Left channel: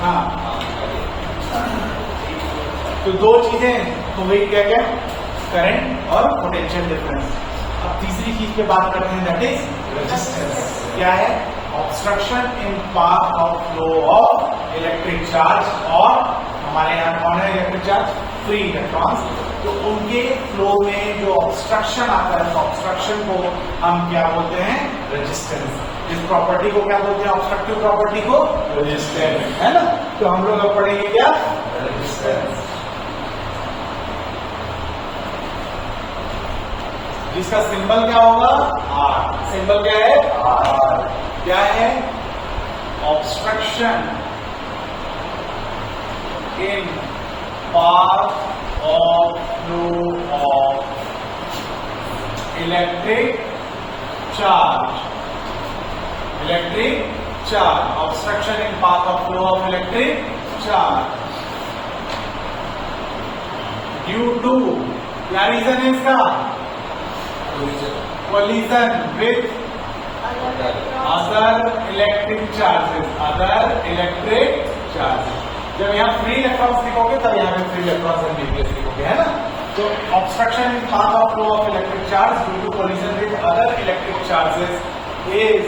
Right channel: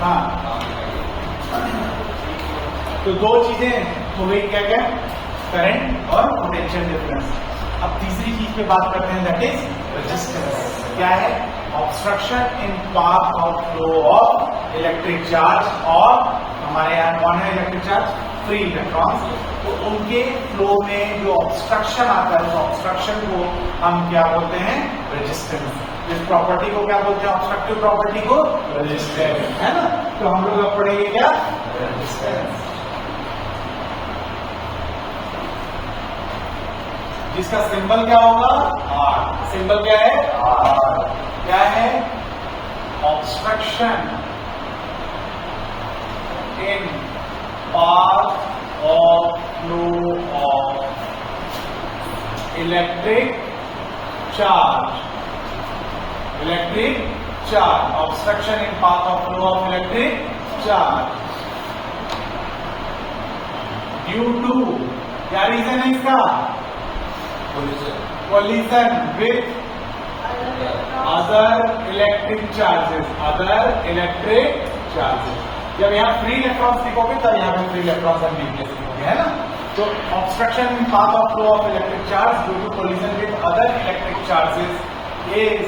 हाँ, तो दो चीजें तो वही क्या क्या, करंट और पोटेंशियल डिफरेंस। अब तीसरी चीज पे बात करते हैं, दैट इज रेजिस्टेंस। क्या है? Obstruction in path of flow of electric charge, और हमारे यहाँ कौन है इलेक्ट्रिक चार्ज? Free electrons. तो उनके फ्लो में जो ऑब्स्ट्रक्शन आता है, तो ऑब्स्ट्रक्शन को हम क्या बोलते हैं? रेजिस्टेंस। इस प्रॉपर्टी को क्या बोलते हैं? ऑब्स्ट्रक्टिव प्रॉपर्टी को रेजिस्टेंस, है ना? तो हम लोग पढ़ेंगे क्या? रेजिस्टेंस। इसका सिंबल क्या होगा? आर। सिंबल क्या है? आर। क्या है? Obstruction in path of flow of electric charge. Electric charge, obstruction in path of flow of electric charge due to, क्या रीजन है इसका? collision with other electric charges, other electric charges। जब यहाँ free electrons लिखोगे तब यहाँ पे free electrons and nucleus लिखोगे, है ना? तो obstruction in path of flow of electric charge due to collision with other electric charges is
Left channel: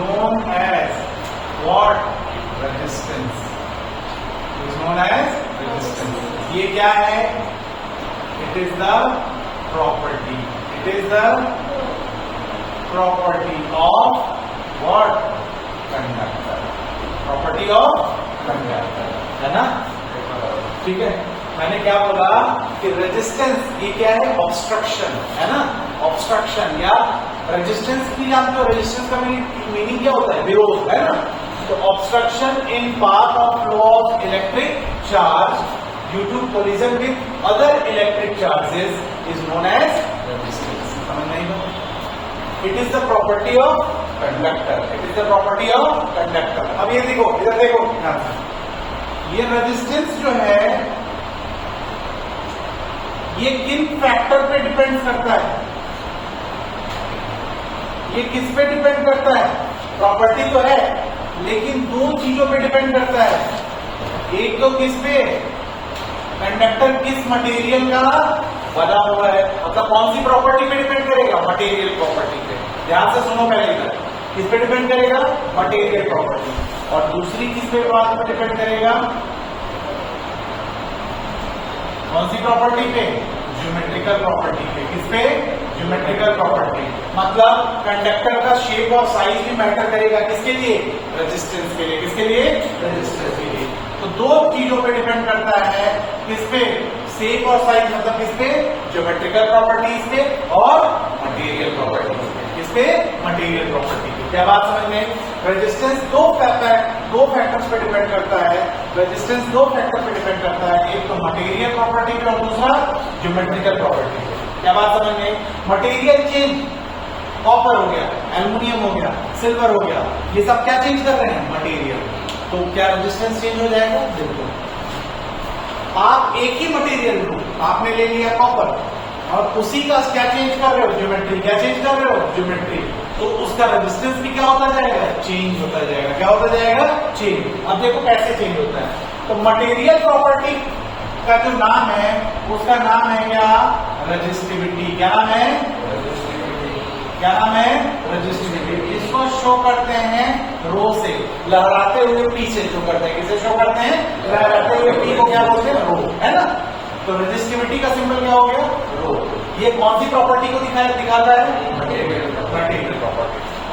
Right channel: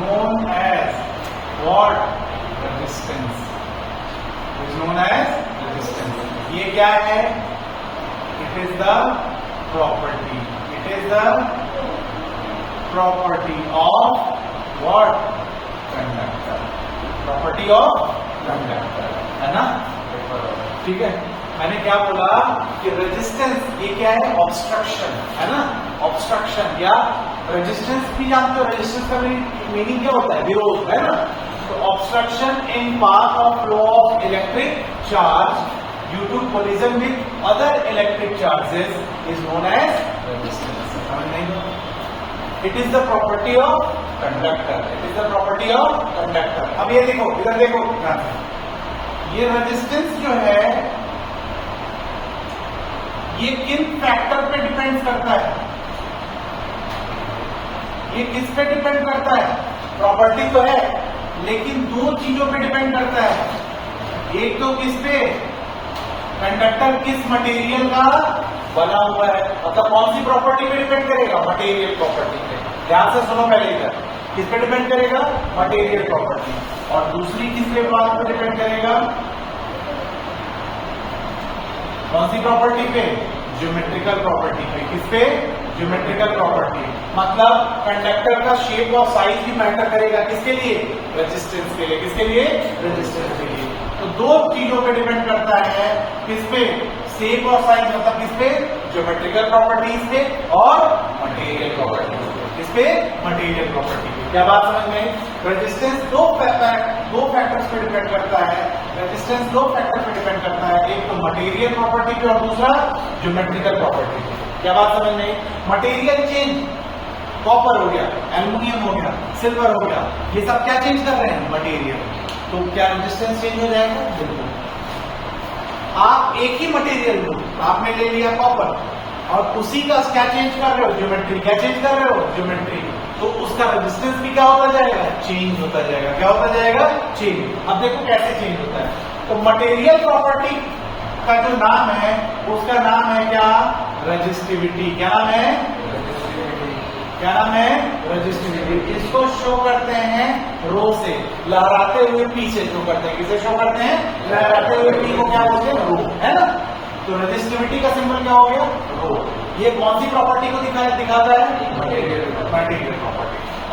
known as what? Resistance। is known as resistance। ये क्या है? It is the property of what? Conductor। Property of conductor, है ना? ठीक है, मैंने क्या बोला कि रेजिस्टेंस ये क्या है? ऑब्स्ट्रक्शन, है ना? ऑब्स्ट्रक्शन या रेजिस्टेंस भी जानते हो। रेजिस्टेंस का मीनिंग क्या होता है? विरोध, है ना? तो obstruction in path of flow of electric charge due to collision with other electric charges is known as resistance। समझ नहीं हो? It is the property of conductor। It is the property of conductor। अब ये देखो, इधर देखो, ये resistance जो है ये किन फैक्टर पे डिपेंड करता है? ये किस पे डिपेंड करता है? प्रॉपर्टी तो है, लेकिन दो चीजों पे डिपेंड करता है। एक तो किस पे? कंडक्टर किस मटेरियल का बना हुआ है, मतलब कौन सी प्रॉपर्टी पे डिपेंड करेगा? मटेरियल प्रॉपर्टी पे। ध्यान से सुनो पहले, किस पे डिपेंड करेगा? Material property. और दूसरी किस पे बात पे डिपेंड करेगा? कौन सी प्रॉपर्टी पे? ज्योमेट्रिकल प्रॉपर्टी पे। किस पे? Geometrical property. मतलब कंडक्टर का शेप और साइज भी मैटर करेगा, किसके लिए? रेजिस्टेंस के लिए। किसके लिए? रेजिस्टेंस के लिए। तो दो चीजों पे डिपेंड करता है, किस पे? शेप और साइज, मतलब किस पे? ज्योमेट्रिकल प्रॉपर्टीज पे और मटेरियल प्रॉपर्टी पे। किस पे? मटेरियल प्रॉपर्टी पे। क्या बात समझ में? रेजिस्टेंस दो फैक्टर्स पे डिपेंड करता है। रेजिस्टेंस दो फैक्टर्स पे डिपेंड करता है, एक तो मटेरियल प्रॉपर्टी पे और दूसरा ज्योमेट्रिकल प्रॉपर्टी पे। क्या बात समझ में? मटेरियल चेंज, कॉपर हो गया, एल्यूमिनियम हो गया, सिल्वर हो गया, ये सब क्या चेंज कर रहे हैं? मटेरियल। तो क्या रेजिस्टेंस चेंज हो जाएगा? बिल्कुल। आप एक ही मटेरियल लो, आपने ले लिया कॉपर, और उसी का क्या चेंज कर रहे हो? ज्योमेट्री। क्या चेंज कर रहे हो? ज्योमेट्री। तो उसका रेजिस्टेंस भी क्या होता जाएगा? चेंज होता जाएगा। क्या होता जाएगा? चेंज। अब देखो कैसे चेंज होता है। तो मटेरियल प्रॉपर्टी का जो नाम है उसका नाम है क्या? रेजिस्टिविटी। क्या नाम है? क्या नाम है? रेजिस्टिविटी। इसको शो करते हैं रो से, लहराते हुए पीछे शो करते हैं। किसे शो करते हैं? लहराते हुए। इसको क्या बोलते हैं? रो, है ना? तो रेजिस्टिविटी का सिंबल क्या हो गया? रो। ये कौन सी प्रॉपर्टी को दिखाना है? Material property.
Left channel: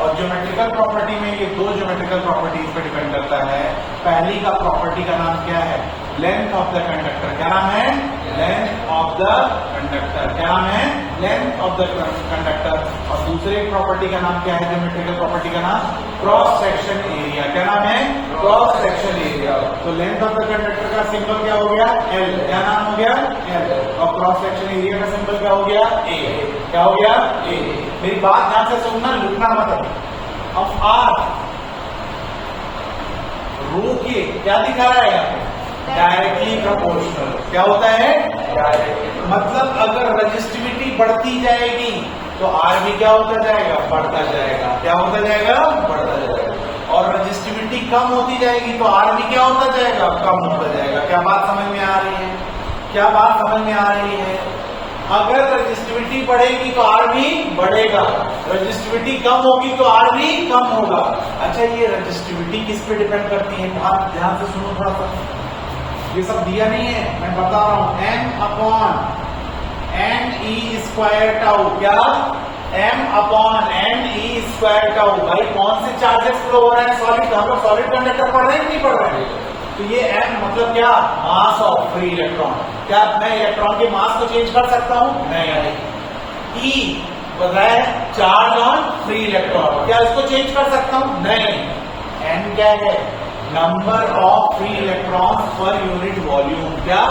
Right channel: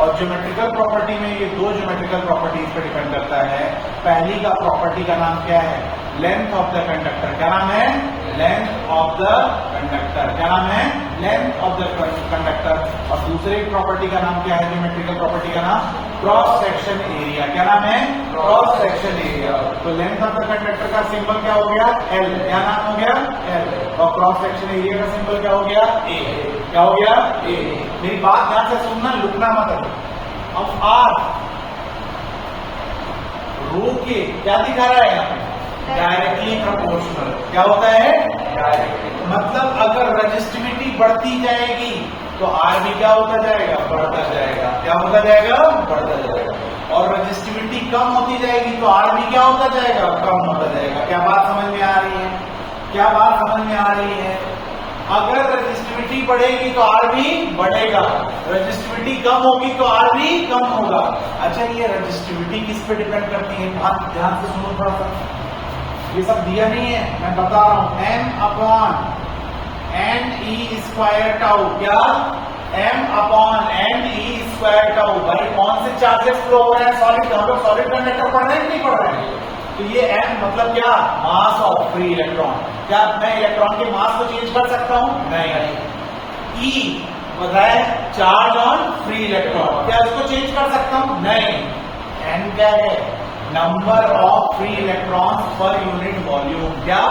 और ज्योमेट्रिकल प्रॉपर्टी में ये दो ज्योमेट्रिकल प्रॉपर्टीज पे डिपेंड करता है। पहली का प्रॉपर्टी का नाम क्या है? Length of the conductor. क्या नाम है? Length of the conductor. क्या नाम है? Length of the conductor. और दूसरे प्रॉपर्टी का नाम क्या है? ज्योमेट्रिकल प्रॉपर्टी का नाम क्रॉस सेक्शन एरिया। क्या नाम है? Cross section area. तो लेंथ ऑफ द कंडक्टर का सिंबल क्या हो गया? एल। क्या नाम हो गया? एल। और क्रॉस सेक्शन एरिया का सिंबल क्या हो गया? ए। क्या हो गया? ए। मेरी बात ध्यान से सुनना, लुकना मत। अब आर रो के क्या दिखा रहा है यहाँ पे? Directly proportional. क्या होता है? मतलब अगर रेजिस्टिविटी बढ़ती जाएगी तो आर भी क्या होता जाएगा? बढ़ता जाएगा। क्या होता जाएगा? बढ़ता जाएगा। और रजिस्टिविटी कम होती जाएगी तो आर भी क्या होता जाएगा, कम होता जाएगा। क्या बात समझ में आ रही है? क्या बात समझ में आ रही है? अगर रजिस्टिविटी बढ़ेगी तो आर भी बढ़ेगा, रजिस्टिविटी कम होगी तो आर भी कम होगा। अच्छा, ये रजिस्टिविटी किस पे डिपेंड करती है? बहुत ध्यान से सुनो थोड़ा सा, ये सब दिया नहीं है, मैं बता रहा हूं। N upon n e square tau, क्या m upon n e square tau. भाई कौन से चार्जेस फ्लो हो रहे हैं? सॉलिड, हम लोग सॉलिड कंडक्टर पढ़ रहे हैं कि नहीं पढ़ रहे हैं? तो ये एम मतलब क्या, मास ऑफ फ्री इलेक्ट्रॉन। क्या मैं इलेक्ट्रॉन के मास को चेंज कर सकता हूं? नहीं। ई बताए चार्ज ऑन फ्री इलेक्ट्रॉन, क्या इसको चेंज कर सकता हूं? नहीं। एन क्या है? Number of free electrons per unit volume. क्या?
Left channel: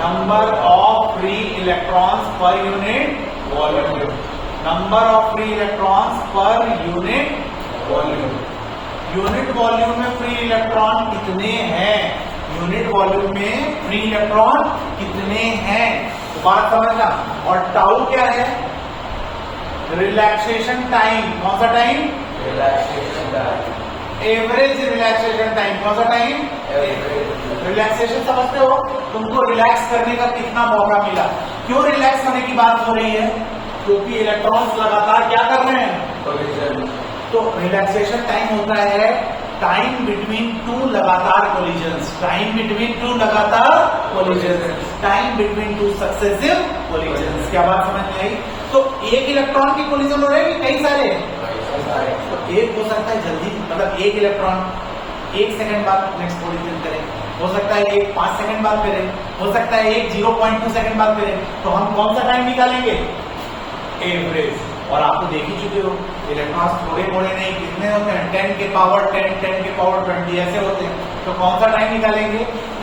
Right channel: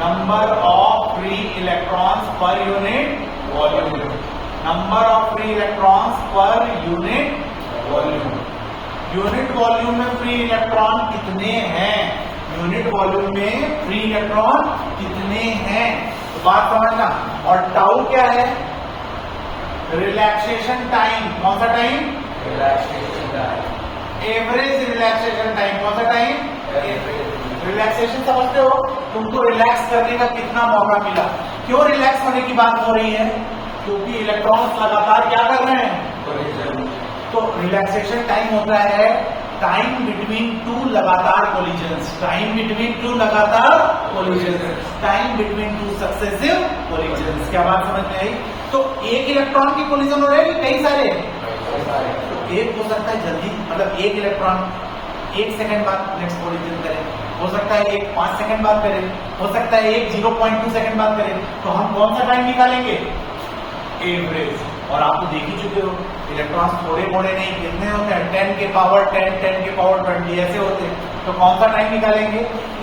Number of free electrons per unit volume. Number of free electrons per unit volume. Unit volume में फ्री इलेक्ट्रॉन कितने हैं? यूनिट वॉल्यूम में फ्री इलेक्ट्रॉन कितने हैं? बात समझना। और टाउ क्या है? Relaxation time. कौन सा time? Relaxation time. Average relaxation time. कौन सा टाइम? रिलैक्सेशन समझते हो? तुमको रिलैक्स करने का कितना मौका मिला? क्यों रिलैक्स होने की बात हो रही है? क्योंकि इलेक्ट्रॉन्स लगातार क्या कर रहे हैं? तो रिलैक्सेशन टाइम होता है टाइम बिटवीन टू लगातार कोलिजन्स। टाइम बिटवीन टू लगातार collisions. Time between two successive collisions. क्या बात समझ में आई? तो एक इलेक्ट्रॉन की कोलिजन हो रहे हैं कई सारे? तो एक हो सकता है जल्दी, मतलब एक इलेक्ट्रॉन 1 सेकंड बाद नेक्स्ट कोलिजन करें, हो सकता है एक 5 सेकंड बाद करें, हो सकता है एक 0.2 सेकंड बाद करें। तो हम कौन सा टाइम निकालेंगे? एवरेज। और आप तो देख ही चुके हो, इलेक्ट्रॉन्स थोड़े थोड़े नहीं, कितने होते हैं? 10 के पावर 10, 10 के पावर 20 ऐसे होते हैं। तो कौन सा टाइम निकालेंगे?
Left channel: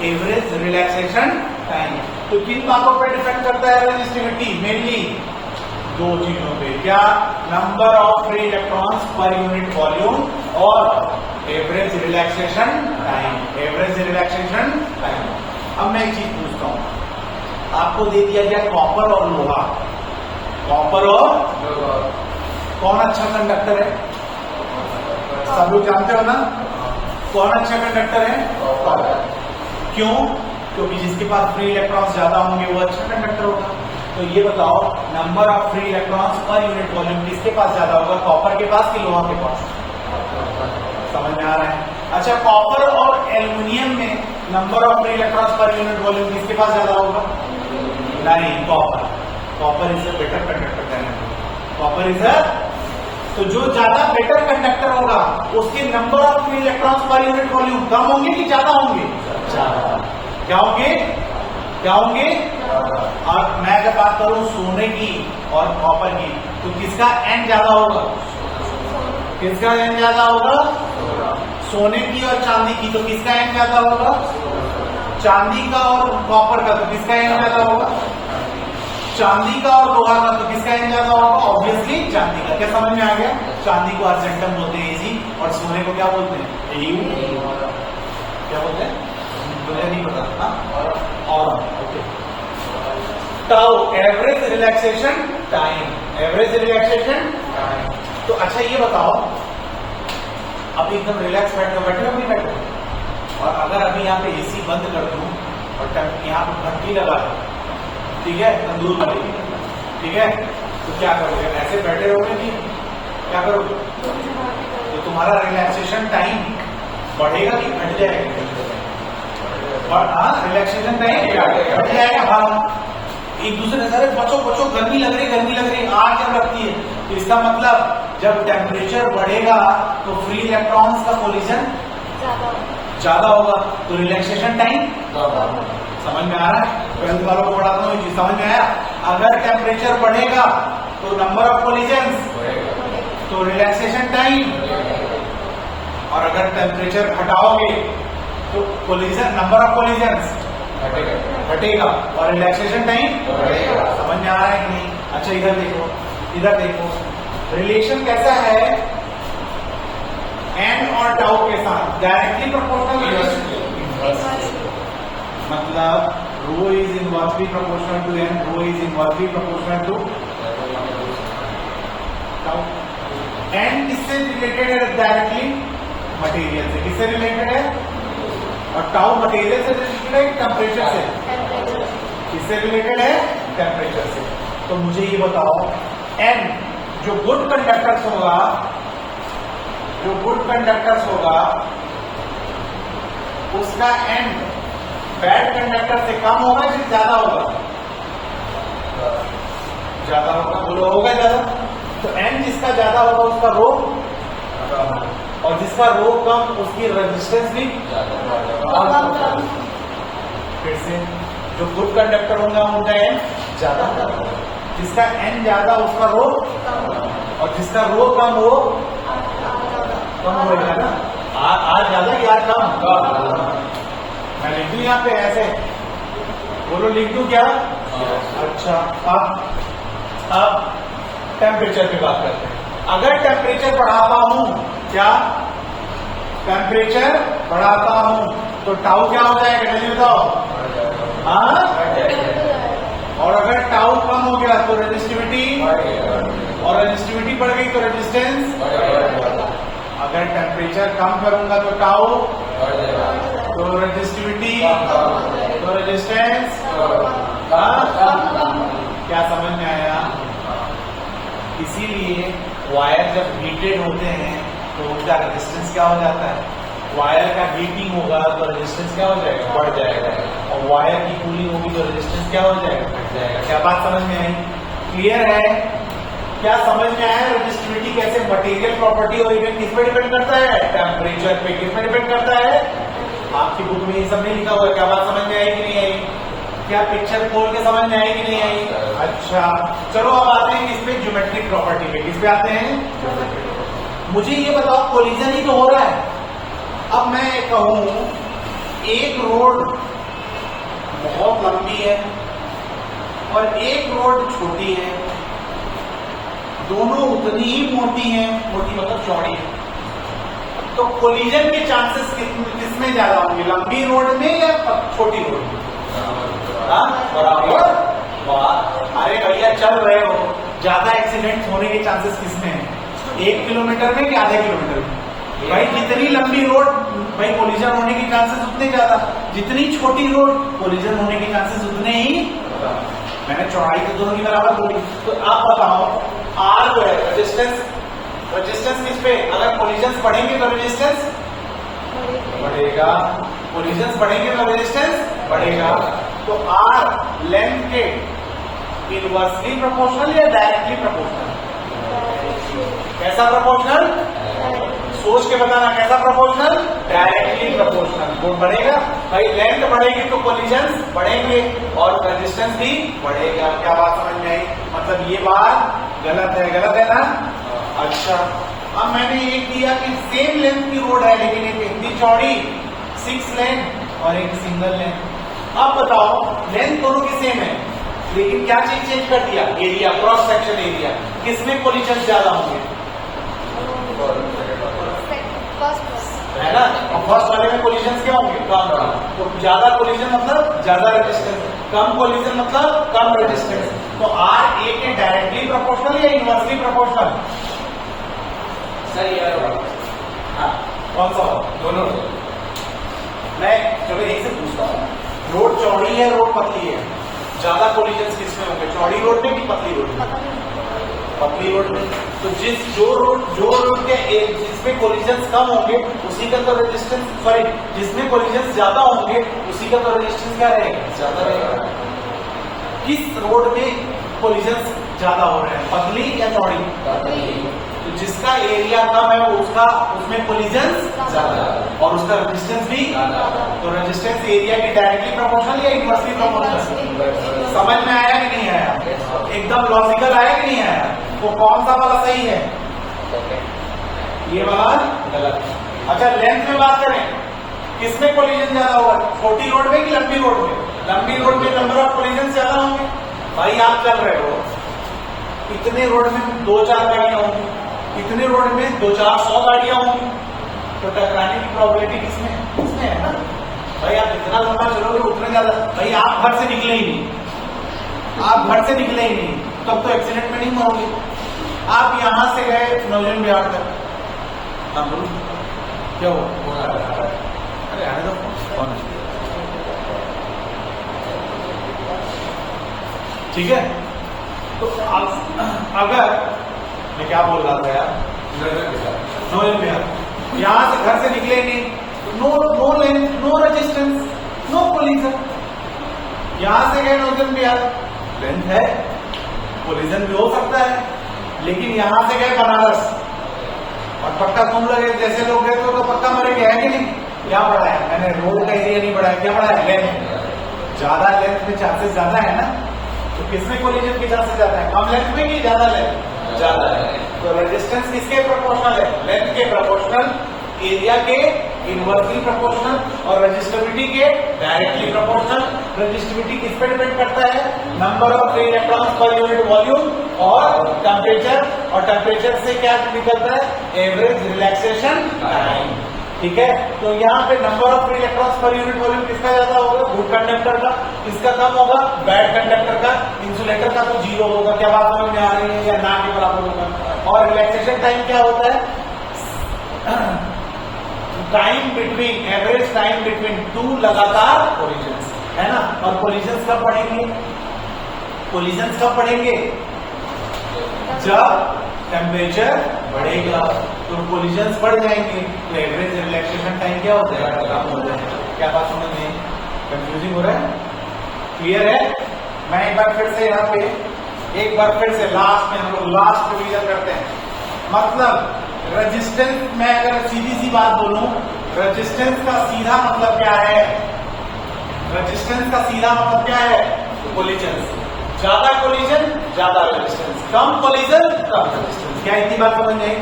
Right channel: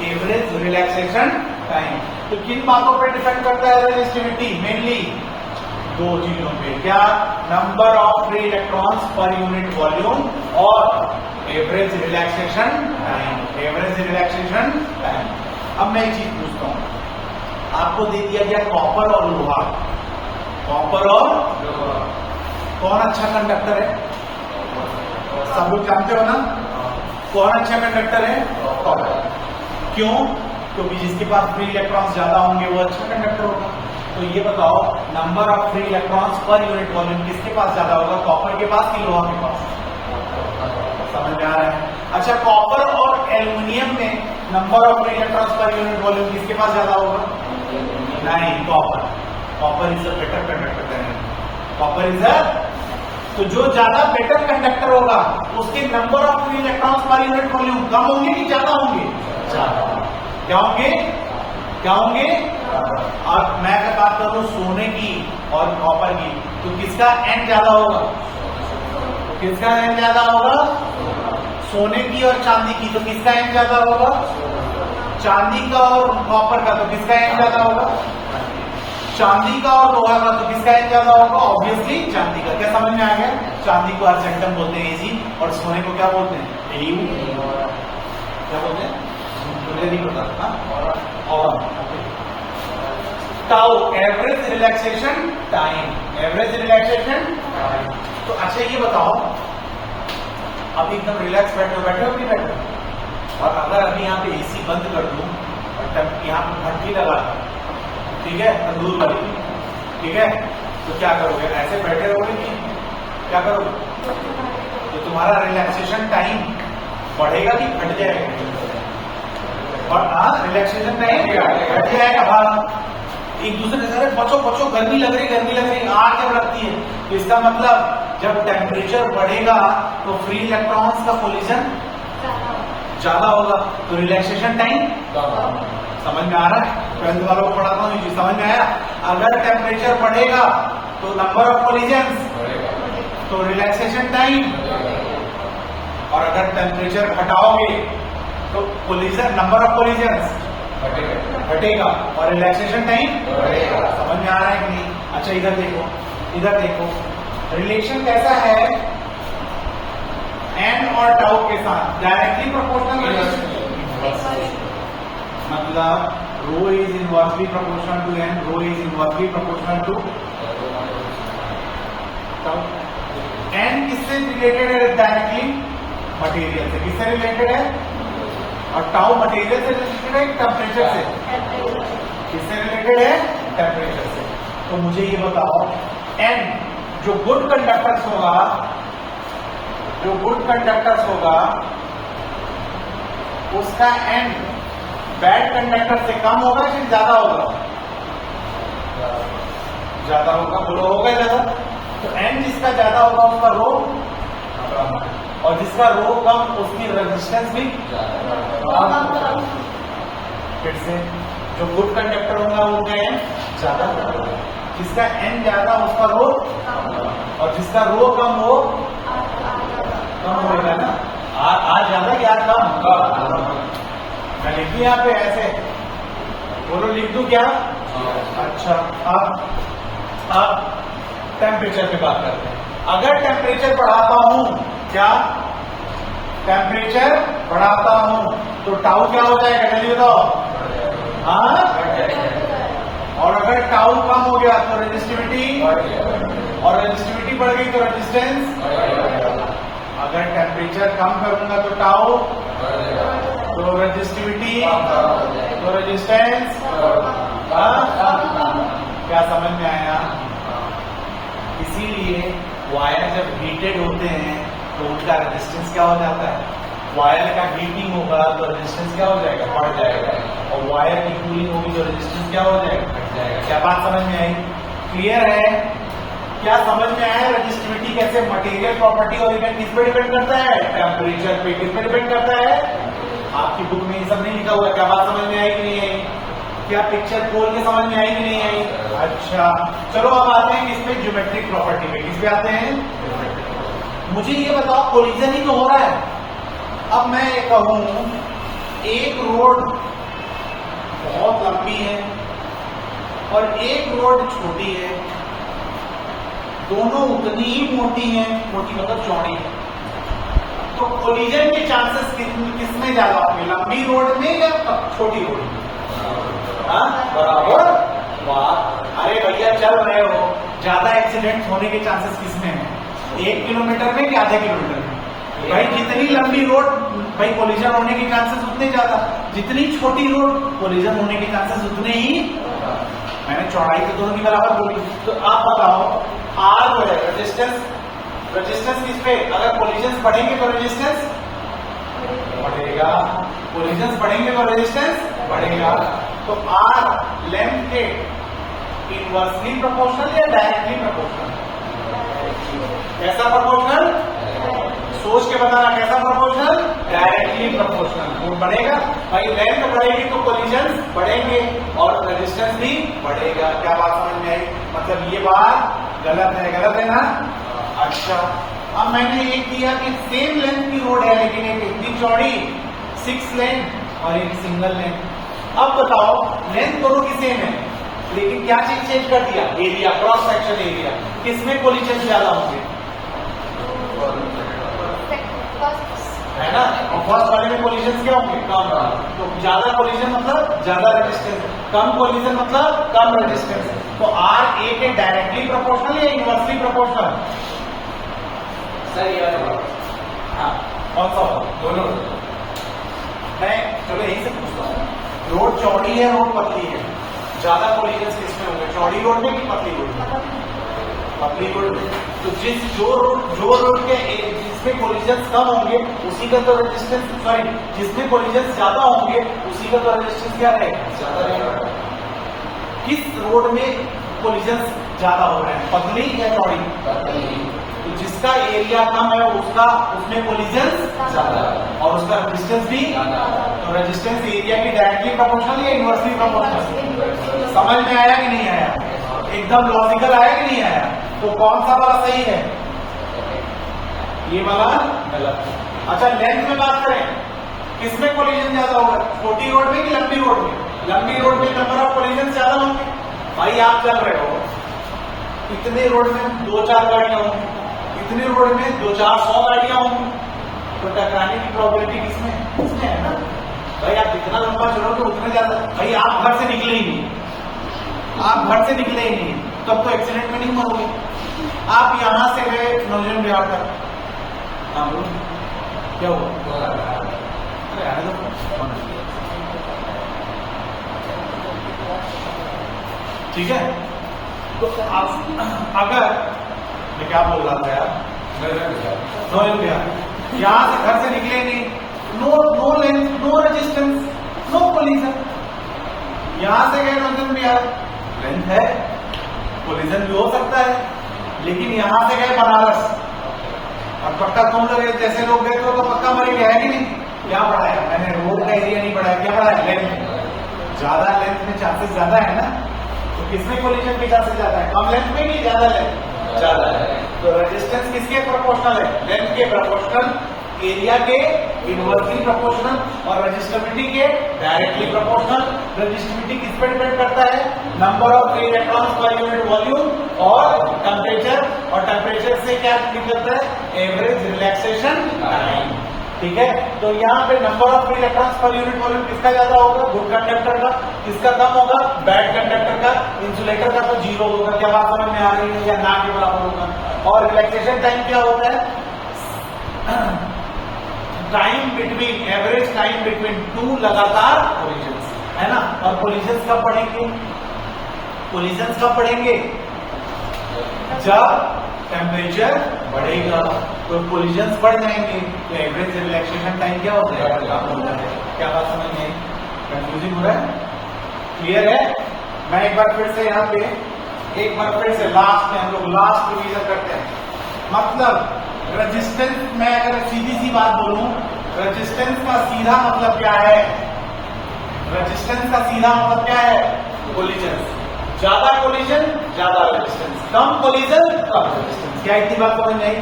Average relaxation time. तो किन बातों पर डिपेंड करता है रजिस्टिविटी? मेनली 2 चीजों पे। क्या? Number of free electrons per unit volume और average relaxation time. Average relaxation time. अब मैं एक चीज पूछता हूं, आपको दे दिया गया कॉपर और लोहा। कॉपर और कौन अच्छा कंडक्टर है? सब लोग जानते हो ना? कौन अच्छा कंडक्टर है? क्यों? क्योंकि जिसके पास फ्री इलेक्ट्रॉन्स ज्यादा होंगे वो अच्छा कंडक्टर होगा। तो ये बताओ, number of free electrons per unit volume किसके पास ज्यादा होगा? कॉपर के पास कि लोहा के पास? समझ में आ रहा है? अच्छा, कॉपर और एल्यूमिनियम में number of free electrons per unit volume किसके पास ज्यादा होगा? नहीं, copper. Copper is a better conductor. Copper is a, तो जो ज्यादा बेटर कंडक्टर होगा उसके number of free electrons per unit volume कम होंगे कि ज्यादा होंगे? ज्यादा। क्या होंगे? क्या होंगे? और मैं अगर बात करूं सोने की और कॉपर की, तो किसका एन ज्यादा होगा? किसका एन ज्यादा होगा? सोने की और चांदी की, तो किसका एन ज्यादा होगा? चांदी का और कॉपर का, तो किसका एन ज्यादा होगा? चांदी का और लोहा का, तो किसका एन ज्यादा होगा? ऑब्वियसली चांदी का। क्या समझ में आ गया? चांदी को अर्जेंटम बोलते हैं इजी, और सोने को क्या बोलते हैं? एयू। क्या बोलते हैं? मुझे नहीं पता था। और tau, average relaxation time. Average relaxation time. तो अच्छा ये बताओ, अभी एकदम रिलैक्स बैठे हो नहीं बैठे? और अगर अभी यहाँ पे एसी बंद कर दूं और यहाँ पर घंटी लगा, ठीक है, तंदूर लगी, ठीक है, तो क्या करोगे? ऐसे बैठे रहोगे कि क्या करोगे? तो तुम्हारा रिलैक्सेशन टाइम बढ़ेगा कि घट जाएगा? और हाँ, रिलैक्सेशन टाइम घट जाएगा। हाँ, एक दूसरे से बचो बचो, गर्मी लग रही, आग जब लगती है। इसका मतलब जब टेम्परेचर बढ़ेगा तो फ्री इलेक्ट्रॉन्स का कोलिजन ज्यादा होगा, तो रिलैक्सेशन टाइम समझ में आ रहा है? 12th वालों को पढ़ाता हूँ, ये समझ में आया? अगर टेम्परेचर बढ़ेगा तो नंबर ऑफ कोलिजन, तो रिलैक्सेशन टाइम, और अगर टेम्परेचर घटाओगे तो कोलिजन, नंबर ऑफ कोलिजन घटेगा और रिलैक्सेशन टाइम समझ में आ रहा है कि नहीं? अच्छा इधर देखो, रिलेशन कैसा है एन और टाउ के साथ? Directly proportional relation. मतलब rho is inversely proportional to n, rho is inversely proportional to n. किससे रिलेटेड है डायरेक्टली? मटेरियल से। किससे रिलेटेड है? और टाउ मटेरियल से रिलेटेड है, टेम्परेचर से। किससे रिलेटेड है? टेम्परेचर से। तो मुझे ये बताओ, एन जो गुड कंडक्टर्स होगा, उसका एन बैड कंडक्टर से कम होगा कि ज्यादा होगा? ज्यादा होगा। बोलो होगा ज्यादा। तो एन जिसका ज्यादा होगा उसका रो, और जिसका रो कम उसकी रेजिस्टेंस भी ज्यादा। फिर से जो गुड कंडक्टर होगा उनका एन ज्यादा, जिसका एन ज्यादा उसका रो, और जिसका रो कम हो कम होगा ना। आ ज्यादा या कम? मैं लिख दूं यहाँ पे ऐसे, बोलो लिख दूं क्या? अच्छा, अब टेम्परेचर पे बात करते हैं। अगर टेम्परेचर बढ़ाता हूं, क्या टेम्परेचर बढ़ाता हूं तो टाउ क्या हो जाएगा? जल्दी बताओ। हाँ, और अगर टाउ कम हो गया तो रेजिस्टिविटी, और रेजिस्टिविटी बढ़ गई तो रेजिस्टेंस। अगर टेम्परेचर कम करूंगा तो टाउ, तो रेजिस्टिविटी, तो रेजिस्टेंस। क्या समझ में आया? इसीलिए वायर जब हीटेड होते हैं तो उसका रेजिस्टेंस क्या हो जाता है? वायर का हीटिंग होगा तो रेजिस्टेंस क्या हो जाएगा? बढ़ जाएगा। और वायर की कूलिंग में रेजिस्टेंस क्या हो जाएगा? घट जाएगा। क्या बात समझ में आई? क्लियर है? क्या समझ में आया? रेजिस्टिविटी कैसे मटेरियल प्रॉपर्टी और इवेंट किस पर डिपेंड करता है? टेम्परेचर पे। किस पर डिपेंड करता है? आपकी बुक में ये सब नहीं लिखा हुआ। क्या बात समझ में आई कि नहीं आई? क्या पिक्चर खोल के समझ में आई कि नहीं आई? अच्छा, चलो अब आते हैं इसमें ज्योमेट्रिक प्रॉपर्टी पे। किस पे आते हैं? मुझे ये बताओ, कोलिजन ही तो हो रहा है। अब मैं कहूं एक रोड बहुत लंबी है और एक रोड छोटी है, दोनों उतनी ही मोटी है, मोटी मतलब चौड़ी, तो कोलिजन के चांसेस किसमें ज्यादा होंगे? लंबी रोड में या छोटी रोड में? अरे भैया चल रहे हो, ज्यादा एक्सीडेंट होने के चांसेस किसमें है? 1 किलोमीटर में कि आधे किलोमीटर में? भाई जितनी लंबी रोड भाई कोलिजन होने के चांसेस उतने ज्यादा, जितनी छोटी रोड कोलिजन होने के चांसेस उतने ही। मैंने चौड़ाई तो दोनों की बराबर बोली। तो आप बताओ, आर जो है रेजिस्टेंस, रेजिस्टेंस किस पे? अगर कोलिजन बढ़ेंगे तो रेजिस्टेंस बढ़ेगा, कोलिजन बढ़ेंगे तो रेजिस्टेंस बढ़ेगा। तो आर लेंथ के इनवर्सली प्रोपोर्शनल या डायरेक्टली प्रोपोर्शनल? कैसा प्रोपोर्शनल? सोच के बताना, कैसा प्रोपोर्शनल? Directly proportional. वो बढ़ेगा भाई, लेंथ बढ़ेगी तो कोलिजन बढ़ेंगे और रेजिस्टेंस भी बढ़ेगा। क्या बात समझ में? मतलब ये बात गलत है? गलत है ना? अच्छा, अब मैंने एक किया कि सेम लेंथ की रोड है लेकिन एक इतनी चौड़ी 6 लेन और एक सिंगल लेन। अब बताओ लेंथ दोनों की सेम है लेकिन क्या चीज चेंज कर दिया? Area, cross section area. किसमें कोलिजन ज्यादा होंगे? है ना? और फर्स्ट वाले में कोलिजन क्या होंगे? कम। तो ज्यादा कोलिजन मतलब ज्यादा रेजिस्टेंस, कम कोलिजन मतलब कम रेजिस्टेंस। तो आर ए के डायरेक्टली प्रोपोर्शनल या इनवर्सली प्रोपोर्शनल? सही है। कौन सा? दोनों। मैं चलो एक से पूछता हूँ, रोड चौड़ी है, रोड पतली है, ज्यादा कोलिजन किसमें होंगे? चौड़ी रोड में कि पतली रोड में? पतली रोड में। तो जो रोड के जिसमें कोलिजन कम होंगे उसी का तो रेजिस्टेंस, सॉरी जिसमें कोलिजन ज्यादा होंगे उसी का तो रेजिस्टेंस क्या रहेगा? ज्यादा रहेगा। किस रोड में कोलिजन ज्यादा हो रहे हैं, पतली या चौड़ी? तो जिसका एरिया कम है उसका उसमें कोलिजन ज्यादा और उसका रेजिस्टेंस भी। तो रेजिस्टेंस एरिया की डायरेक्टली प्रोपोर्शनल या इनवर्सली प्रोपोर्शनल? समझ में आया कि नहीं आया? एकदम लॉजिकल आया कि नहीं आया? तो कौन सा वाला सही है? ये वाला गलत। अच्छा, लेंथ में बात करें, किसमें कोलिजन ज्यादा होगा? छोटी रोड में कि लंबी रोड में? लंबी रोड में नंबर ऑफ कोलिजन ज्यादा होंगे। भाई आप कर रहे हो, इतने रोड में 2-4 गाड़ियां होंगी, इतने रोड में 2-4-100 गाड़ियां होंगी, तो टकराने की प्रोबेबिलिटी किसमें है ना? भाई आप जितना लंबा चलोगे उतने ज्यादा। भाई आप घर से निकले ही नहीं, आप घर से निकले ही नहीं, तब तो एक्सीडेंट में नहीं मरोगे। आप यहां से गए नौजवान बिहार तक, क्या हुआ? अरे आने दो। ठीक है, तो अगर मैं क्या बोल रहा था यार, यहां से घर से निकलेंगे, no length, no resistance, no collision. यहां से गए नोजन में यार लेंथ है, कोलिजन भी हो सकता है, लेकिन यहां से गए बनारस और पक्का तुम लगे जैसे लोग गए तो पक्का मरेंगे, है कि नहीं? क्या बढ़ाया मैंने? रोड का एरिया नहीं बढ़ाया, क्या बढ़ाया? लेंथ। ज्यादा लेंथ में चांसेस ज्यादा है ना, तो किसमें कोलिजन की चांसेस ज्यादा है? कम लेंथ में कि ज्यादा लेंथ? ज्यादा है। तो रेजिस्टेंस किसके प्रोपोर्शनल है? लेंथ के प्रोपोर्शनल, एरिया के इनवर्सली प्रोपोर्शनल और रेजिस्टिविटी के डायरेक्टली प्रोपोर्शनल। रेजिस्टिविटी किस पे डिपेंड करता है? Number of electrons per unit volume और टेम्परेचर, और टेम्परेचर से क्या निकलता है? Average relaxation time. ठीक है, तो यहाँ पे number of electrons per unit volume किसका ज्यादा होगा? गुड कंडक्टर का। किसका कम होगा? बैड कंडक्टर का। इंसुलेटर का तो जीरो होगा। क्या बात समझ में आ रही है? या ना के बराबर होगा। और रिलैक्सेशन टाइम क्या होता है? Time between, average time between two लगातार कोलिजन्स, है ना। और कोलिजन्स कब बढ़ेंगे? कोलिजन्स कब बढ़ेंगे? जब टेम्परेचर बढ़ेगा, तो कोलिजन्स बढ़ जाएंगे, तो एवरेज रिलैक्सेशन टाइम क्या होता है? कम हो जाएगा। क्या बात समझ में? कंफ्यूजिंग हो रहा है? क्लियर है? मैं एक बार फिर से यहाँ पे एक बार फिर से लास्ट में हम लोग लास्ट रिवीजन करते हैं। मतलब रेजिस्टेंस में अगर सीधी सी बात बोलूं, रेजिस्टेंस का सीधा मतलब क्या है? रेजिस्टेंस का सीधा मतलब क्या है? कोलिजन। ज्यादा कोलिजन ज्यादा रेजिस्टेंस, कम कोलिजन कम रेजिस्टेंस। क्या इतनी बात समझ नहीं?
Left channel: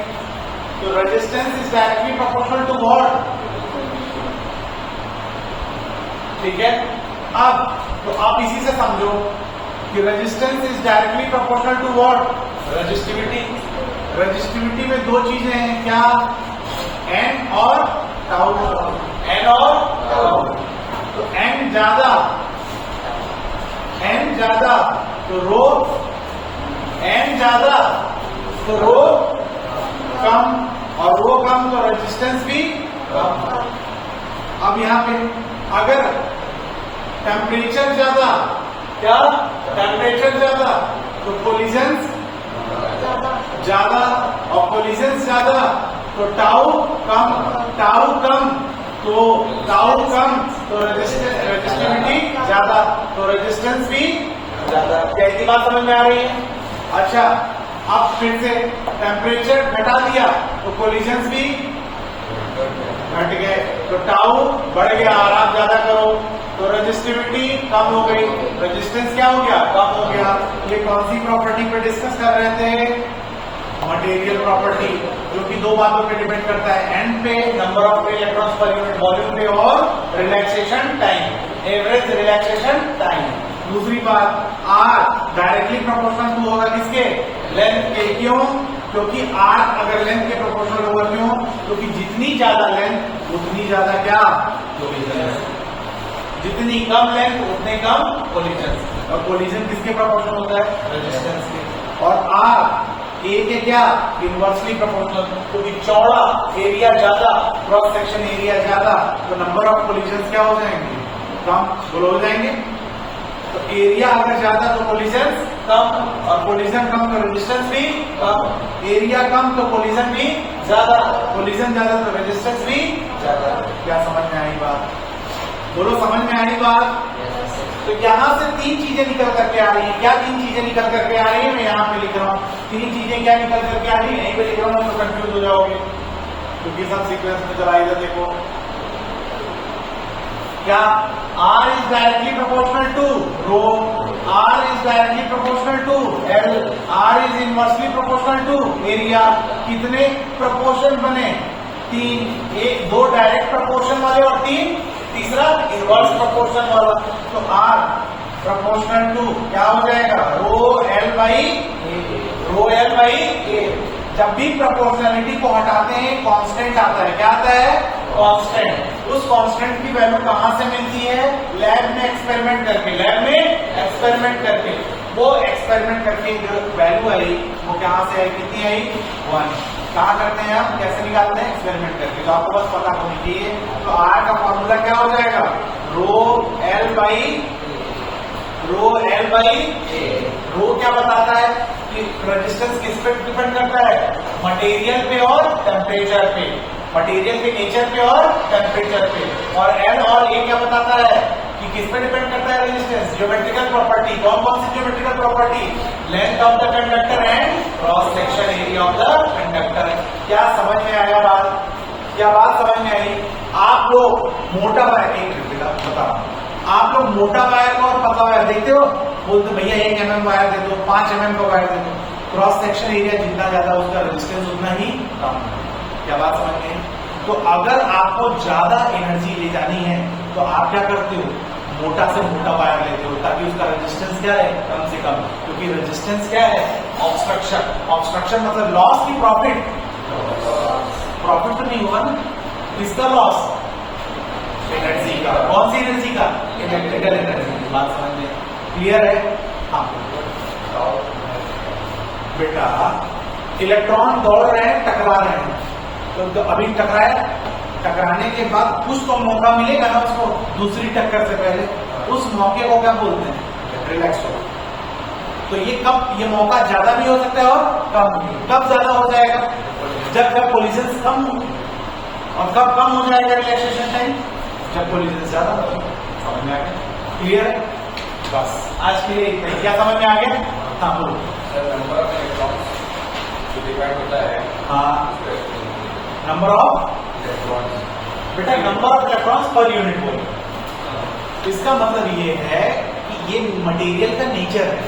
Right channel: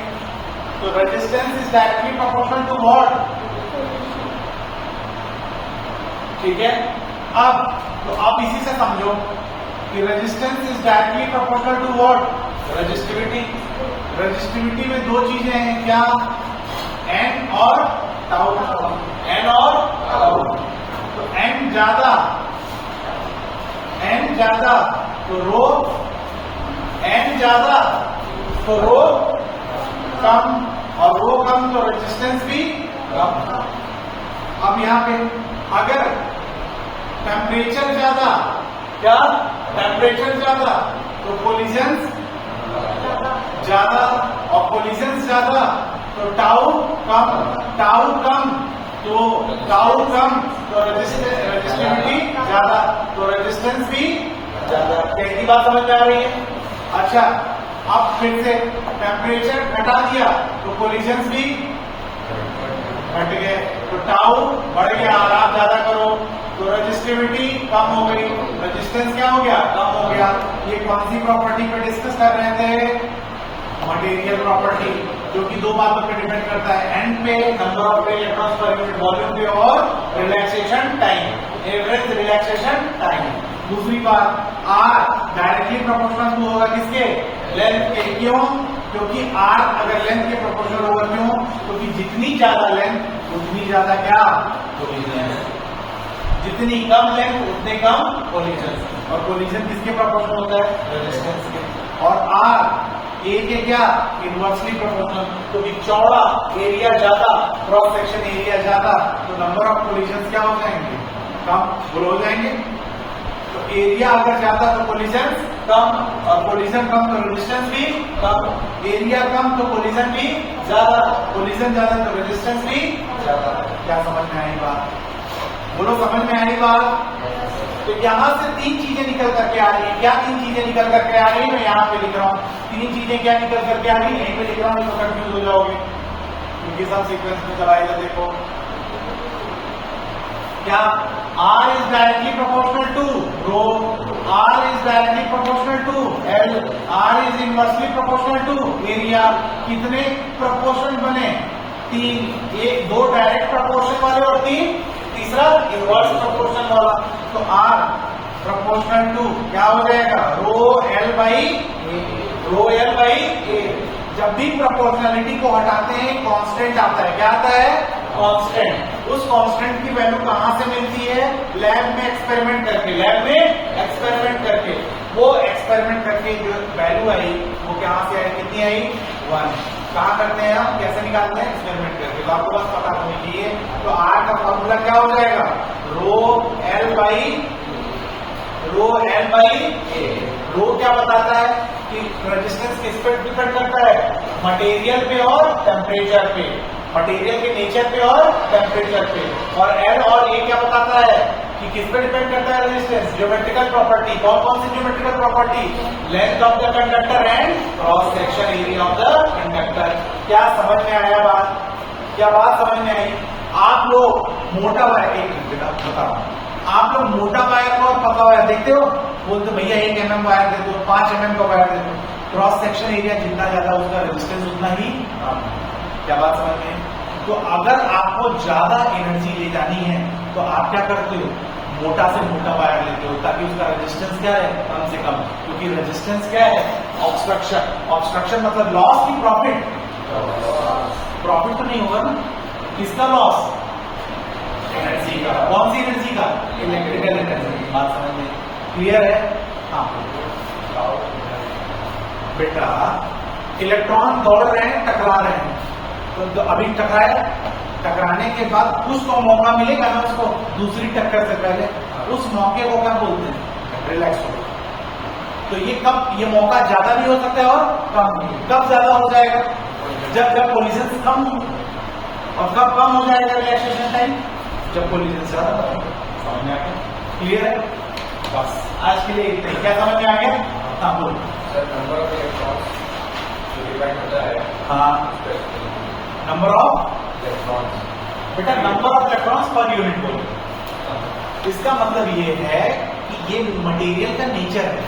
तो resistance is directly proportional to what? ठीक है, अब तो आप इसी से समझो कि resistance is directly proportional to what? Resistivity. Resistivity में दो चीजें हैं, क्या? एन और टाउ। एन और टाउ। तो एन ज्यादा तो रो, एन ज्यादा तो रो कम, और रो कम तो रेजिस्टेंस भी कम। अब यहाँ पे अगर टेम्परेचर ज्यादा, क्या? टेम्परेचर ज्यादा तो कोलिजन्स ज्यादा, और कोलिजन्स ज्यादा तो टाउ कम, टाउ कम तो रेजिस्टिविटी ज्यादा, तो रेजिस्टेंस भी ज्यादा। कैसी बात समझ में आ रही है? अच्छा, अब फिर से टेम्परेचर घटा दिया तो कोलिजन्स भी घट गए, तो टाउ बढ़ गया और आप ज्यादा करो तो रेजिस्टिविटी कम हो गई, रेजिस्टेंस क्या हो गया? कम हो गया। ये कौन सी प्रॉपर्टी पे डिस्कस कर रहे थे? मटेरियल प्रॉपर्टी, जो कि दो बातों पे डिपेंड करता है, एन पे, number of electrons per unit volume पे, और relaxation time, average relaxation time. दूसरी बात, आर डायरेक्टली प्रोपोर्शनल टू होगा किसके? लेंथ के। क्यों? क्योंकि आर अगर लेंथ के प्रोपोर्शनल होगा, क्यों? क्योंकि जितनी ज्यादा लेंथ उतनी ज्यादा क्या? कोलिजन। जितनी कम लेंथ उतने कम कोलिजन, और कोलिजन किसके प्रोपोर्शनल होता है? रेजिस्टेंस के। और आर ए के क्या? इनवर्सली प्रोपोर्शनल, क्योंकि चौड़ा एरिया ज्यादा, क्रॉस सेक्शन एरिया ज्यादा, तो नंबर ऑफ कोलिजन क्या हो जाएंगे? कम हो जाएंगे। तो एरिया अगर ज्यादा तो कोलिजन कम, और कोलिजन कम तो रेजिस्टेंस भी कम। एरिया कम तो कोलिजन भी ज्यादा, कोलिजन ज्यादा तो रेजिस्टेंस भी ज्यादा। क्या समझ में आई बात? दोनों समझ में आई बात? तो यहां से तीन चीजें निकल करके आ रही है। क्या तीन चीजें निकल करके आ रही है? मैं यहाँ पे लिख रहा हूँ तीन चीजें क्या निकल करके आ रही है, यहीं पे लिख रहा हूँ, तो कंफ्यूज हो जाओगे क्योंकि सब सीक्वेंस में चला इधर देखो। क्या? R is directly proportional to rho, R is directly proportional to L, R is inversely proportional to area। कितने प्रोपोर्शन बने? तीन, एक दो डायरेक्ट प्रोपोर्शन वाले और तीन तीसरा इनवर्स प्रोपोर्शन वाला। तो R प्रोपोर्शनल टू क्या हो जाएगा? रो एल बाई ए। जब भी प्रोपोर्शनलिटी को हटाते हैं कांस्टेंट आता है। क्या आता है? कांस्टेंट। उस कांस्टेंट की वैल्यू कहां से मिलती है? लैब में एक्सपेरिमेंट करके। लैब में एक्सपेरिमेंट करके वो एक्सपेरिमेंट करके जो वैल्यू आई वो कहां से आई? कितनी आई? 1। कहां करते हैं आप? कैसे निकालते हैं? एक्सपेरिमेंट करके। तो आपको बस पता होना चाहिए। तो आर का फॉर्मूला क्या हो जाएगा, रो एल बाई ए। रो क्या बताता है कि रेजिस्टेंस किस पर डिपेंड करता है, मटेरियल पे और टेम्परेचर पे, मटेरियल के नेचर पे और टेम्परेचर पे। और एल और ए क्या बताता है कि किस पर डिपेंड करता है रेजिस्टेंस, ज्योमेट्रिकल प्रॉपर्टी। कौन सी geometrical property, length of the conductor and cross section area of the conductor. क्या समझ में आया बात, क्या बात समझ में आई? आप लोग मोटा वायर, एक मिनट बेटा बताओ, आप लोग मोटा वायर का और पतला वायर देखते हो, बोलते भैया 1 mm वायर दे दो, 5 mm का वायर दे दो, क्रॉस सेक्शन एरिया जितना ज्यादा उसका रेजिस्टेंस उतना ही कम है। क्या बात समझ में? तो अगर आपको ज्यादा एनर्जी ले जानी है तो आप क्या करते हो, मोटा से मोटा वायर लेते हो ताकि उसका रेजिस्टेंस क्या है, कम से कम। क्योंकि रेजिस्टेंस क्या है, ऑब्स्ट्रक्शन। ऑब्स्ट्रक्शन मतलब लॉस की प्रॉफिट, प्रॉफिट तो नहीं होगा ना, किसका लॉस, एनर्जी का। कौन सी एनर्जी का, इलेक्ट्रिकल एनर्जी की। बात समझिए, क्लियर है? हाँ बेटा, इलेक्ट्रॉन दौड़ रहे हैं, टकरा रहे हैं, तो अभी टकराया, टकराने के बाद उसको मौका मिलेगा ना, उसको दूसरी टक्कर से पहले, उस मौके को क्या बोलते हैं, रिलैक्स हो। तो ये कब, ये मौका ज्यादा भी हो सकता है और कम भी। कब ज्यादा हो जाएगा, जब कोलिजन कम हो। और कब कम हो जाएगा रिलैक्सेशन टाइम, जब कोलिजन ज्यादा हो। समझ में आ गया? क्लियर? बस आज के लिए क्या समझ में आ गया? हाँ बोल। हाँ, नंबर ऑफ बेटा, number of electrons per unit volume. इसका मतलब ये है कि ये मटेरियल का नेचर है।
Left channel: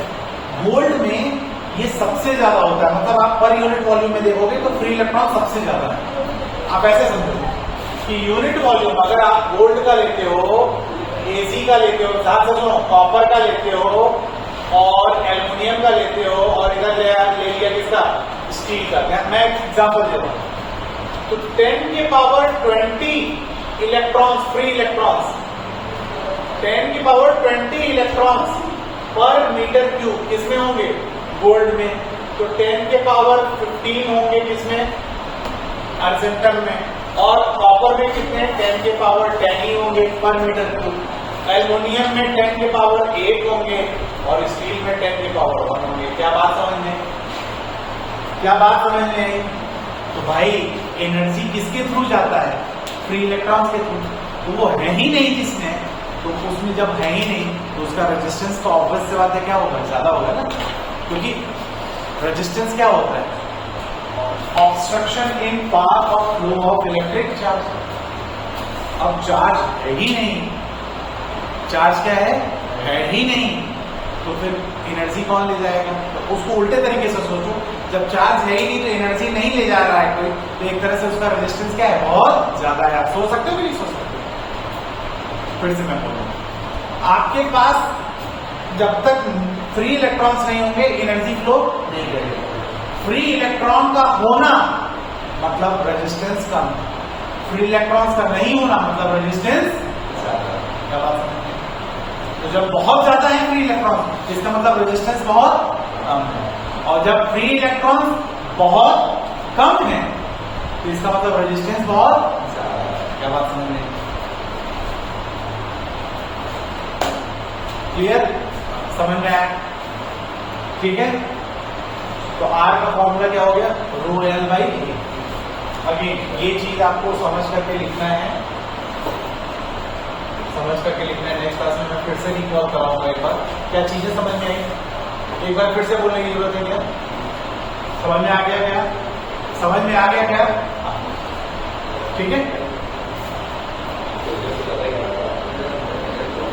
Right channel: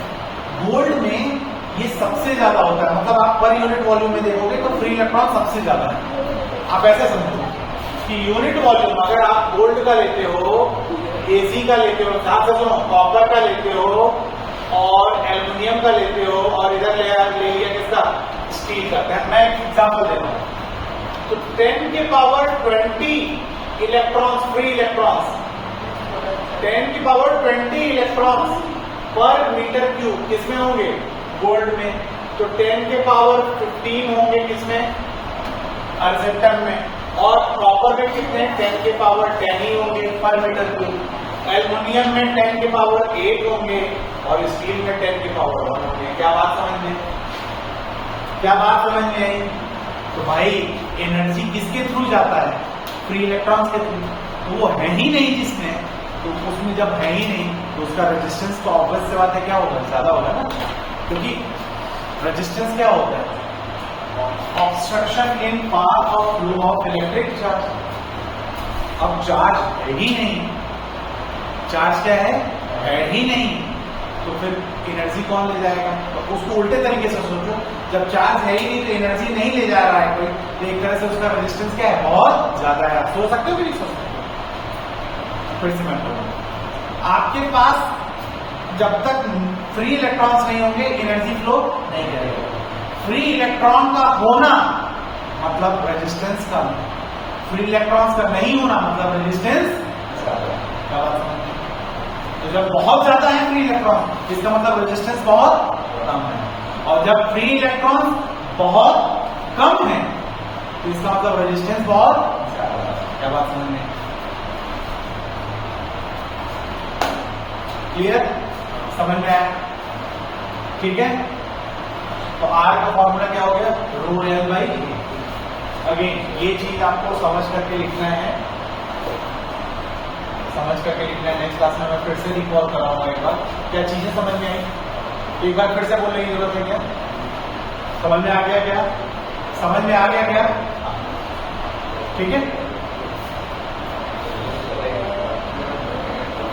गोल्ड में ये सबसे ज्यादा होता है, मतलब आप पर यूनिट वॉल्यूम में देखोगे तो फ्री इलेक्ट्रॉन सबसे ज्यादा है। आप ऐसे समझो कि यूनिट वॉल्यूम अगर आप गोल्ड का लेते हो, एसी का लेते हो, साथ से सुनो कॉपर का लेते हो और एल्यूमिनियम का लेते हो, और इधर ले लिया किसका, स्टील का। मैं एग्जाम्पल देता हूं, तो 10 की पावर 20 इलेक्ट्रॉन्स, फ्री इलेक्ट्रॉन्स, 10 की पावर 20 इलेक्ट्रॉन्स पर मीटर क्यूब किसमें होंगे, गोल्ड में। तो 10 के पावर 15 होंगे किसमें, अर्जेंटन में। और कॉपर में कितने, 10 के पावर 10 ही होंगे पर मीटर क्यूब। एल्यूमिनियम में 10 के पावर 8 होंगे और स्टील में 10 के पावर 1 होंगे। क्या बात समझ में, क्या बात समझ में आई? तो भाई एनर्जी किसके थ्रू जाता है, फ्री इलेक्ट्रॉन्स के थ्रू। वो है ही नहीं जिसमें, तो उसमें जब है ही नहीं तो उसका रेजिस्टेंस तो ऑब्वियस से बात है क्या होगा, ज्यादा होगा ना। क्योंकि रेजिस्टेंस क्या होता है, obstruction in path of flow of electric charge. अब चार्ज है ही नहीं, चार्ज क्या है ही नहीं, तो फिर एनर्जी कौन ले जाएगा। तो उसको उल्टे तरीके से सोचो, जब चार्ज है ही नहीं तो एनर्जी नहीं ले जा रहा है कोई, तो एक तरह से उसका रेजिस्टेंस क्या है, बहुत ज्यादा है। आप सोच सकते हो कि नहीं सोच सकते? फिर से मैं बोलूंगा, आपके पास जब तक फ्री इलेक्ट्रॉन्स नहीं होंगे एनर्जी फ्लो नहीं करेगा। फ्री इलेक्ट्रॉन का होना मतलब रेजिस्टेंस कम, फ्री इलेक्ट्रॉन्स का नहीं होना मतलब रेजिस्टेंस क्या बात समझ। तो जब बहुत ज्यादा है फ्री इलेक्ट्रॉन, इसका मतलब रेजिस्टेंस बहुत कम है, और जब फ्री इलेक्ट्रॉन बहुत कम है तो इसका मतलब रेजिस्टेंस बहुत ज्यादा है। क्या बात समझ में, क्लियर, समझ में आया? ठीक है, तो आर का फॉर्मूला क्या हो गया, rho L by A. Again ये चीज आपको समझ करके लिखना है, समझ करके लिखना है। नेक्स्ट क्लास में मैं फिर से लिखना कराऊंगा एक बार। क्या चीजें समझ में आई, एक बार फिर से बोलने की जरूरत है क्या, समझ में आ गया क्या, समझ में आ गया क्या? ठीक है।